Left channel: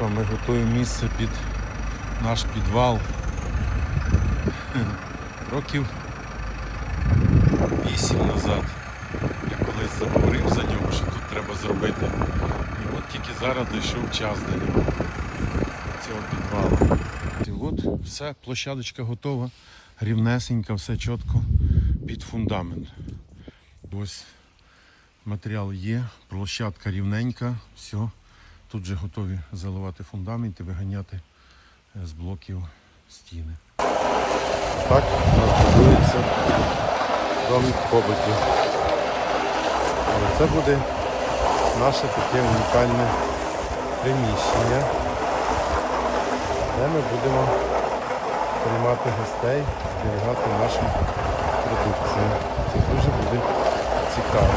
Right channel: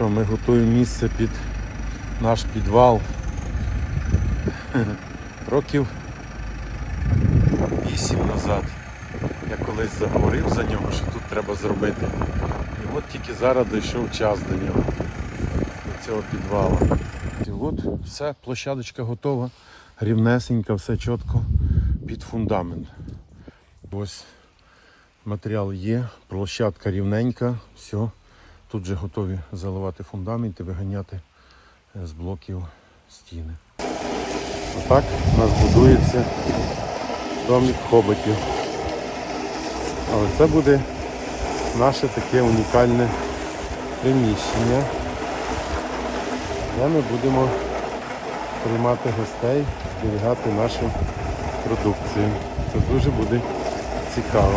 що ми готуємо місце під наш підвал. Років 8 назад. Я колись заговорив за нього, що тут треба зробити. І от тільки зараз дійшов час до нього. Цього підвалу. І от все, площадочка готова, рівнесенька, все чітко під фундамент. Ось матеріал є, площадка рівненька, все. Тут вже готові заливати фундамент і виганяти е, з блоків стіни. Це буде наше таке унікальне приміщення. Ми будемо приймати гостей, зберігати нашу продукцію. Це дуже буде цікаво.